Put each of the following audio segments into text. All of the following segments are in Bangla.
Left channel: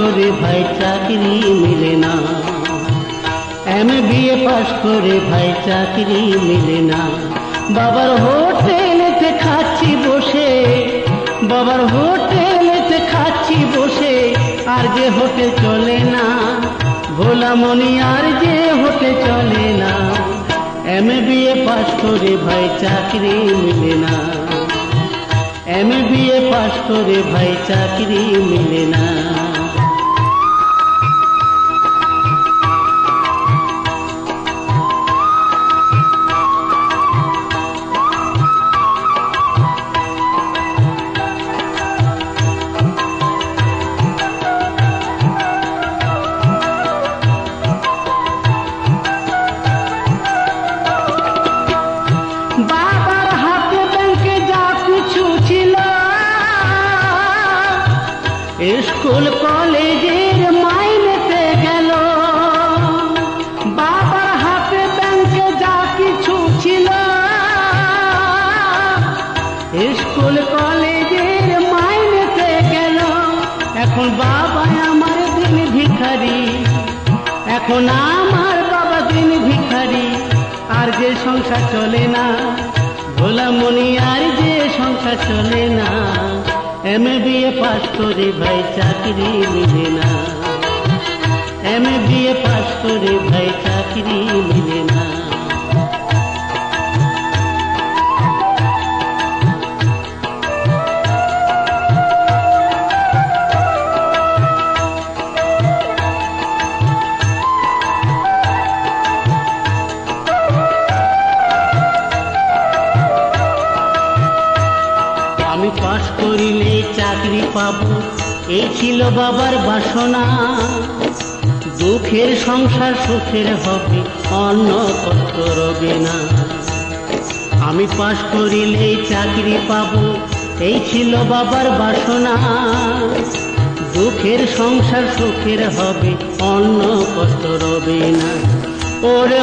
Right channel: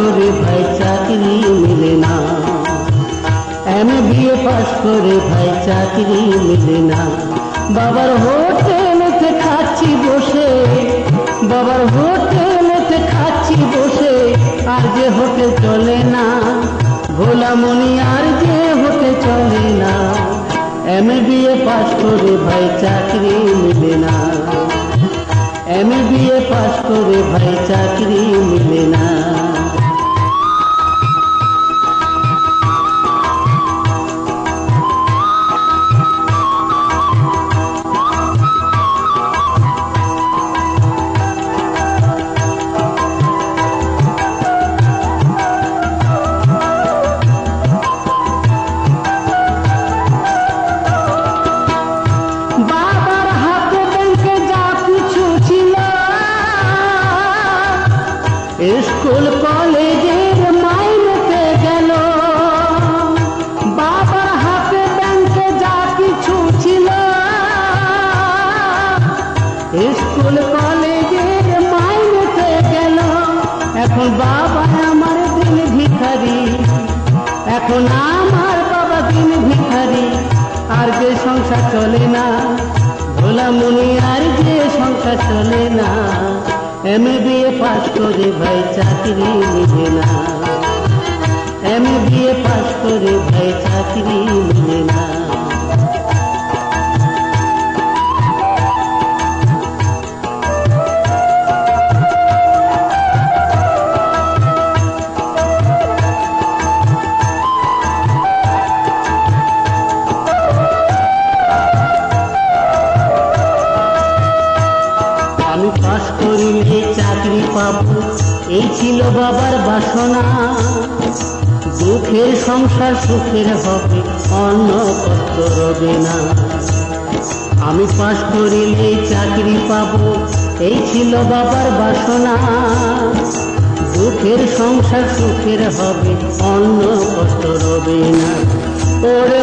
করে ভাই চাকরি মিলে না, MBA পাস করে ভাই চাকরি মিলে না। বাবার হোটেলেতে খাচ্ছি বসে, বাবার হোটেলেতে খাচ্ছি বসে, আর যে হোটেল চলে না ভোলামনি, আর যে হোটেল চলে না। MBA পাস করে ভাই চাকরি মিলে না, MBA পাস করে ভাই চাকরি মিলে না। স্কুল কলেজের মাইনেতে গেল, বাবার হাতে ব্যাংকে যা কিছু ছিল। স্কুল কলেজের মাইনেতে গেল, এখন বাবা আমার দিন ভিখারি, এখন আমার বাবা দিন ভিখারি। আর যে সংসার চলে না ভোলামনি, আর যে সংসার চলে না। MBA পাস করে ভাই চাকরি মিলে না, MBA পাস করে ভাই চাকরি মিলে না। আমি পাস করিলে চাকরি পাবো, এই ছিল বাবার বাসনা। দুঃখের সংসার সুখের হবে, অন্য কষ্ট রবে না। আমি পাস করিলে চাকরি পাবো, এই ছিল বাবার বাসনা। দুঃখের সংসার সুখের হবে, অন্য কষ্ট রবে না। ওরে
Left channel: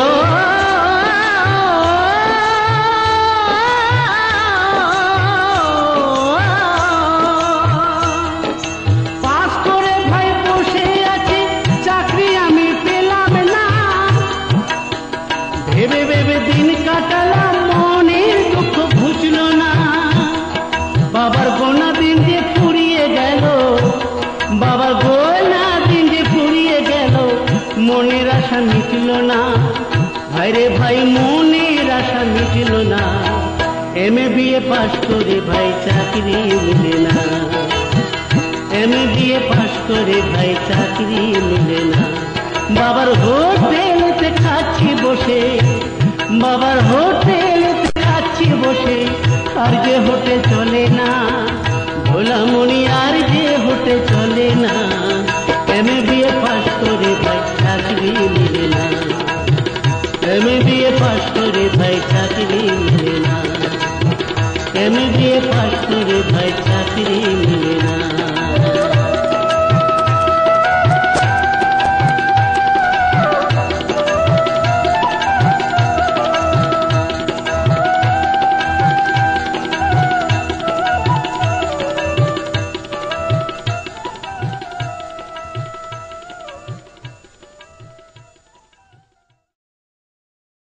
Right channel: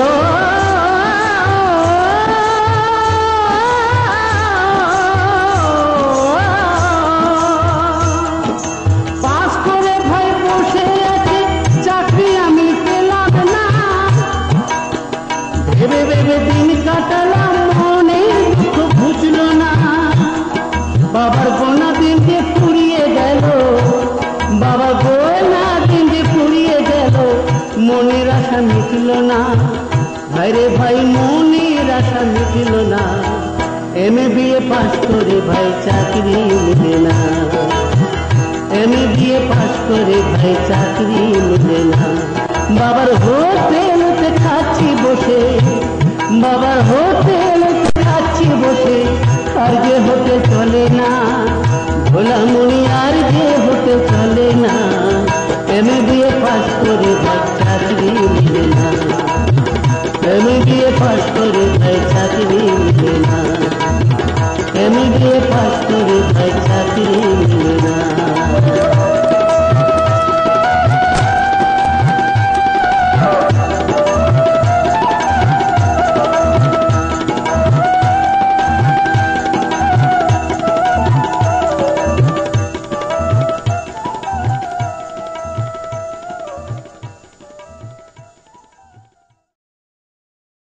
ভেবে ভেবে দিন কাটালাম, মনে দুঃখ বুঝলো না। বাবার গোনা দিন যে ফুরিয়ে গেল, বাবার গোনা দিন যে ফুরিয়ে গেল, মনের আশা মিটল না। ভাইরে ভাই মনের আশা মিটল না। MBA পাস করে ভাই চাকরি মিলে না, MBA পাস করে ভাই চাকরি মিলে না। বাবার হোটেলেতে খাচ্ছি বসে,